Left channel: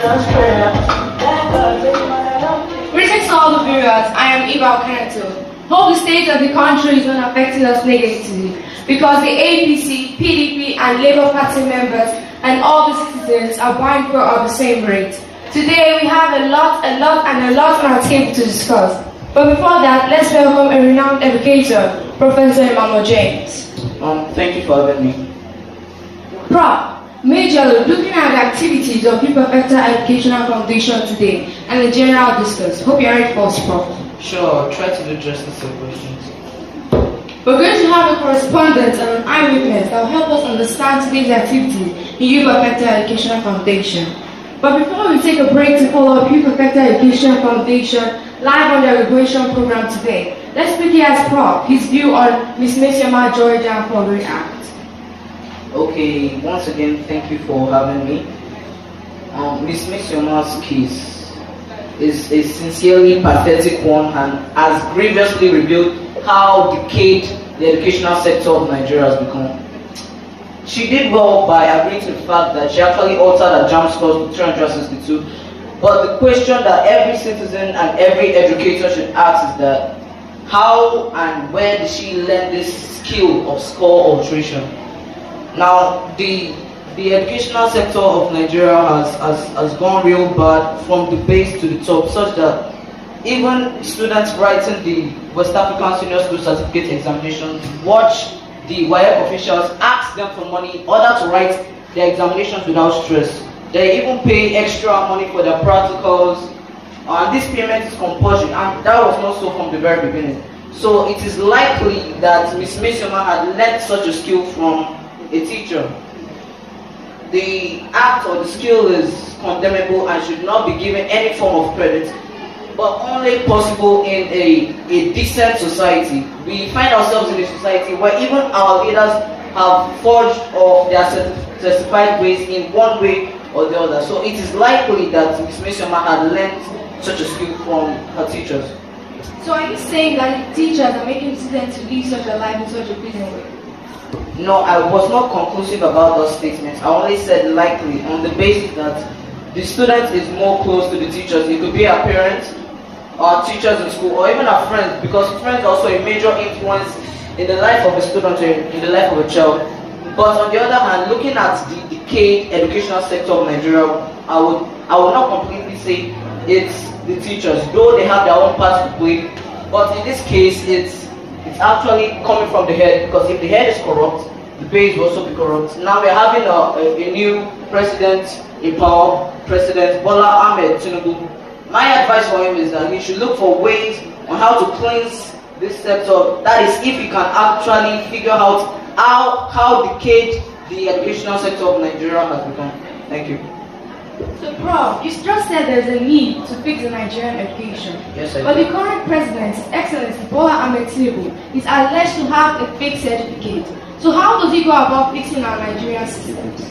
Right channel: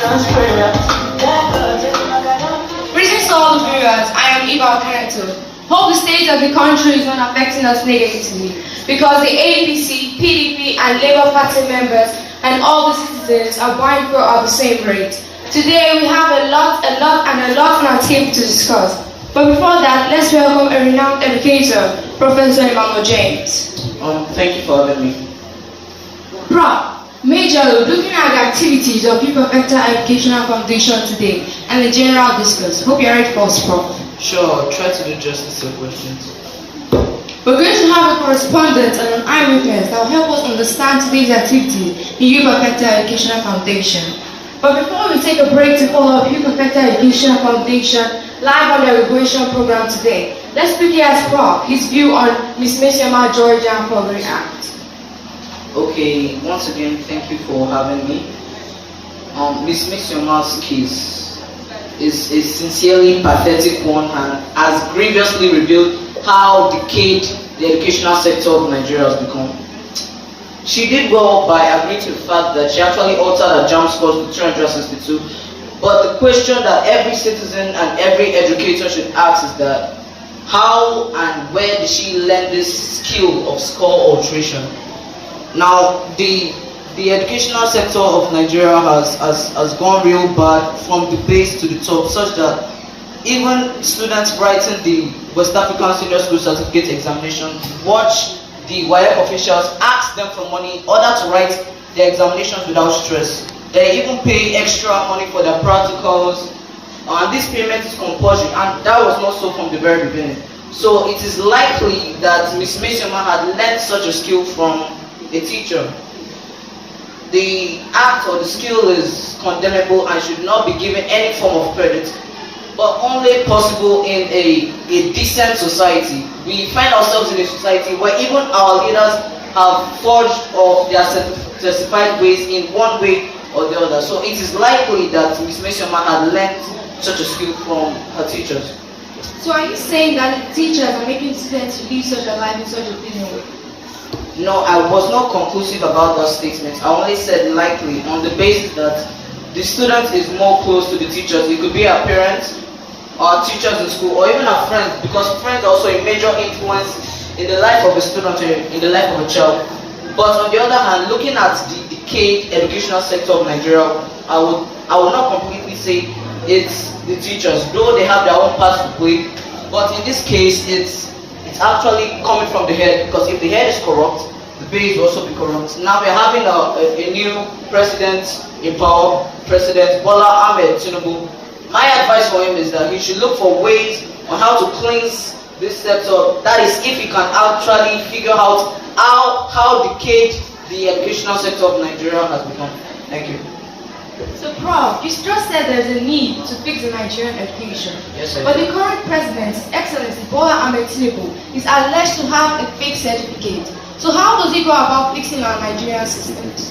Greetings to all the viewers. I am Hu-Perfectre. Hope the state of the country is not affecting us negatively because the APC, PDP, and Labour Party members and all the citizens are mindful of the same rate. Today we have a lot on our table to discuss. But before that, let's welcome a renowned educator, Professor Emmanuel James. Thank you for having me. Prof. Majorly, looking at the activities of Hu-Perfectre Educational Foundation today and the general discourse. Hope you're ready for us, Prof. Sure, I'll try to do justice to your questions. We're going to have a correspondent and an eyewitness that will help us understand today's activities in Hu-Perfectre Educational Foundation. But before we take a break to follow up Hu-Perfectre Educational Foundation live on the graduation program today, let's quickly ask Prof. his view on Miss Mesioma Georgia Forgery Act. Okay, once again, thank you for having me. Miss Mesioma's case is a sincerely pathetic one and has grievously revealed how decayed the educational sector of Nigeria has become. She did well by agreeing to the fact that she actually altered her JAMB scores to 362, but the question that every citizen and every educator should ask is that how and where did she learn this skill of score alteration? Now, the educational sector of Nigeria has gone real bad from the base to the top, such that even students writing the West African Senior School Certificate examination watch the WAEC officials ask them for money in order to write their examinations without stress. They even pay extra money for their practicals, and this payment is compulsory, and that was not so from the very beginning. So it is likely that Ms. Mesioma had learned such a skill from a teacher. The act or the skill is condemnable and should not be given any form of credit, but only possible in a decent society. We find ourselves in a society where even our leaders have forged or they are certified ways in one way or the other. So it is likely that Ms. Mesioma had learned such a skill from her teachers. So are you saying that the teachers are making students to live such a life in such a pleasing way? No, I was not conclusive about those statements. I only said likely on the basis that the student is more close to the teachers. It could be our parents, our teachers in school, or even our friends, because friends are also a major influence in the life of a student or in the life of a child. But on the other hand, looking at the decayed educational sector of Nigeria, I would not completely say it's the teachers, though they have their own part to play. But in this case, it's actually coming from the head, because if the head is corrupt, the base will also be corrupt. Now we're having a new president in power, President Bola Ahmed Tinubu. My advice for him is that he should look for ways on how to cleanse this sector. That is, if he can actually figure out how decayed the educational sector of Nigeria has become. Thank you. So, Prof, you just said there's a need to fix the Nigerian education. Yes, I But do. the current president, His Excellency Bola Ahmed Tinubu, is alleged to have a fake certificate. So how does he go about fixing our Nigerian systems?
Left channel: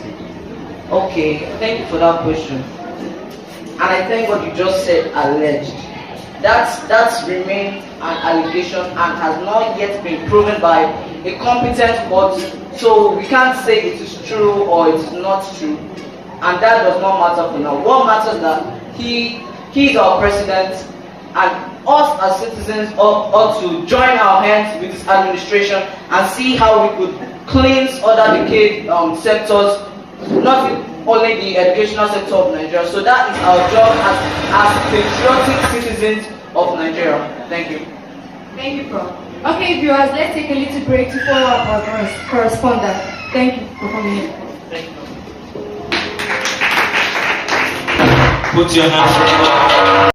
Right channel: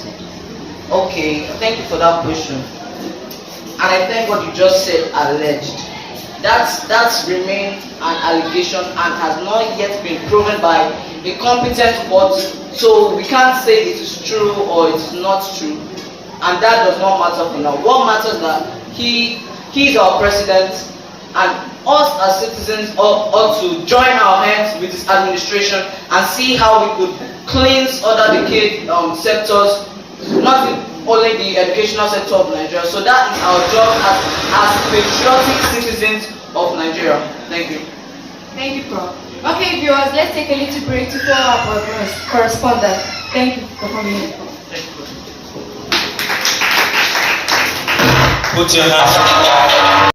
Okay, thank you for that question. And I think what you just said, alleged. That's remained an allegation and has not yet been proven by a competent court. So we can't say it is true or it is not true. And that does not matter for now. What matters is that he is our president, and us as citizens ought to join our hands with his administration and see how we could cleanse other decayed sectors, not only the educational sector of Nigeria. So that is our job as patriotic citizens of Nigeria. Thank you. Thank you, Prof. Okay, viewers, let's take a little break to follow up our correspondent. Thank you for coming in. Put your hands